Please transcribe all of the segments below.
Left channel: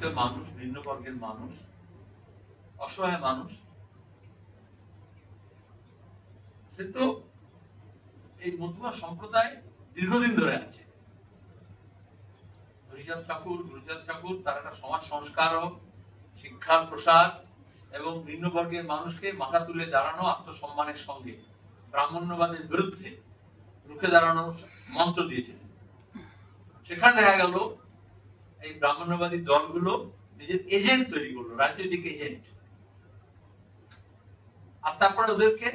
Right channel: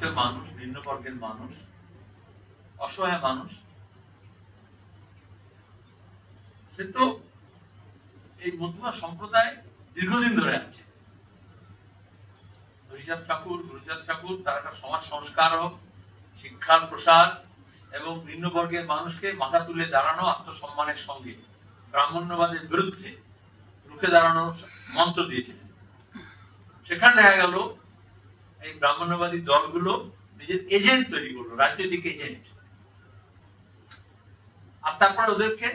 মধ্যবিত্ত মানুষ, নিম্নবর্গের মানুষ, অসহায় মানুষ, সে তো এই মধ্যমা সম্প্রদায় দীর্ঘদিন ধরে আছে। হরিচাঁদ ঠাকুর তার একটা সমাজ সংস্কারক, শিক্ষার প্রসার এবং নিম্নবর্গের মানুষকে মাথা তুলে দাঁড়ানো, আত্মসম্মানের সঙ্গে ব্রাহ্মণ্যবাদের বিরুদ্ধে রুখে দাঁড়ানোর মন্ত্র দিয়েছিলেন। সেখানে দেখা গেল এই ব্রাহ্মণ্যবাদী দলগুলো নিজের এজেন্ট তৈরি করলো, রাজনৈতিক এজেন্ট, আর তারপরে ওদেরকে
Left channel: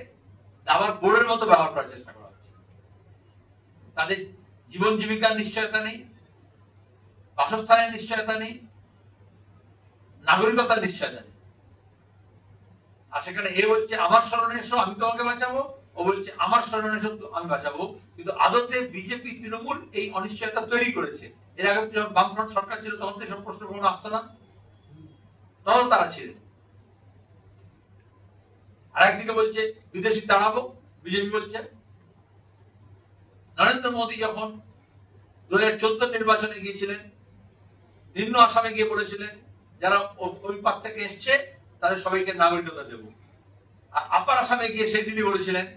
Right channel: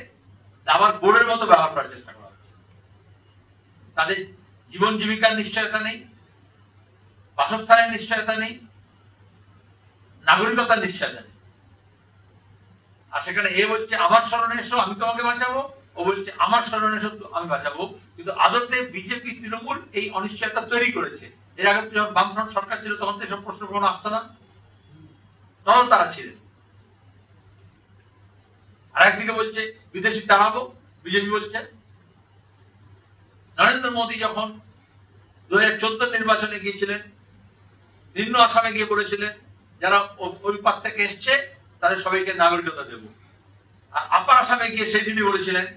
আবার বোর্ডের মতো ব্যবহার করার চেষ্টা করা হচ্ছে। তাদের জীবন জীবিকার নিশ্চয়তা নেই, বাসস্থানের নিশ্চয়তা নেই, নাগরিকতার নিশ্চয়তা নেই। আর সেখানে এ বলছে আমার শরণে এসো, আমি তোমাকে বাঁচাবো, ও বলছে আমার শরণে এসো, আমি বাঁচাবো। কিন্তু আদতে বিজেপি, তৃণমূল এই অনিশ্চয়তা তৈরি করেছে। এর আগে যখন বামফ্রন্ট সরকার ছিল তখন তো এসব প্রশ্ন কোনো আসতো না, তখন তারা ছিলেন। আর একদিকে বলছে বিদেশি তাড়াবো, বিজেপি বলছে। নরেন্দ্র মোদী যখন 2014 নির্বাচনে গিয়েছিলেন, নিম্ন আসামে গিয়ে বলেছিলেন যারা ওই পার থেকে এসছে তাদের সবাইকে নাগরিকতা দেব। আর আপার আসামে গিয়ে সেই দিনই বলেছিলেন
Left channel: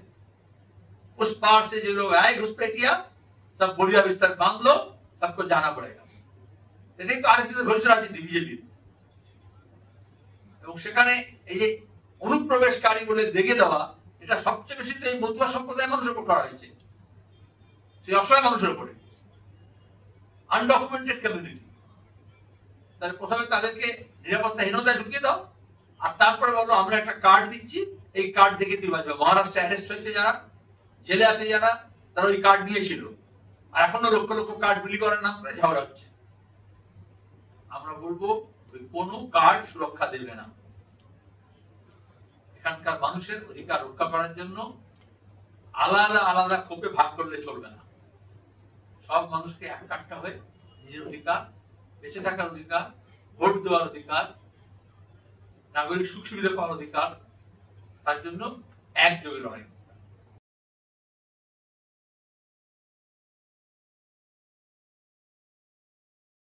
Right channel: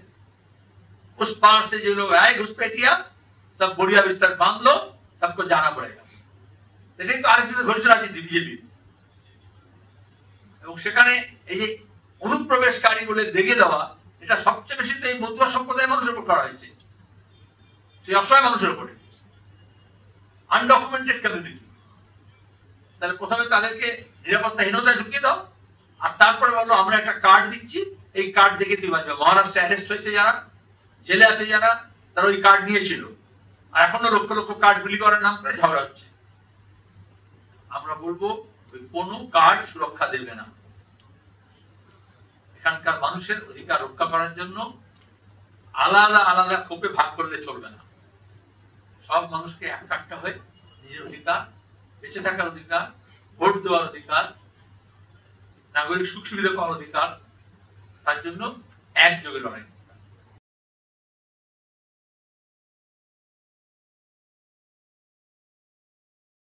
उस पार से जो लोग आए घुसपैठिया सब बढ़िया बिस्तर बांध लो, सबको जाना पड़ेगा। এটাই তো আরএসএস এর ঘোষণা রাজনীতি, বিজেপি। এবং সেখানে এই যে অনুপ্রবেশকারী বলে দেখিয়ে দেওয়া, এটা সবচেয়ে বেশি তো এই মধ্যমা সম্প্রদায়ের মানুষের উপর করা হয়েছে, সেই অসহায় মানুষের উপরে, আনডকুমেন্টেড কমিউনিটি। তাহলে প্রথমে তাদেরকে নিরাপত্তাহীনতায় ঢুকিয়ে দাও, আর তারপরে বলো আমরা একটা কার্ড দিচ্ছি, এই কার্ড দেখে তুই বাঁচবে। মহারাষ্ট্রে অ্যারেস্ট হয়েছে যারা, জেলে আছে যারা, তারা ওই কার্ড নিয়েছিল, আর এখনো লক্ষ লক্ষ কার্ড বিলি করার নাম করে ঝগড়া হচ্ছে। আমরা বলবো ওই কোনো কার্ড সুরক্ষা দেবে না। এখানকার মানুষের অধিকার রক্ষা করার জন্য আলাদা আলাদা কোপে ভাগ করলে চলবে না। সব মানুষকে একটা হয়ে নিজের অধিকার, বেঁচে থাকার অধিকার, ভোট দেওয়ার অধিকার, নাগরিক সুখ সুবিধা পাওয়ার অধিকার, তার জন্য একযোগে লড়াই।